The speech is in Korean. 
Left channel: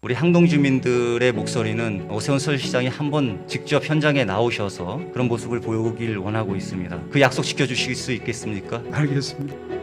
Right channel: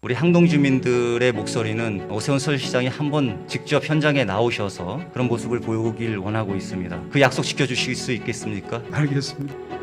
우리 항동 주민들의 목소리는 오세훈 서울시장이 한번 직접 현장에 나오셔서 그런 모습을 보이길 원하고 있습니다. 그 약속 지켜주실 수 있겠습니까? 알겠습니다.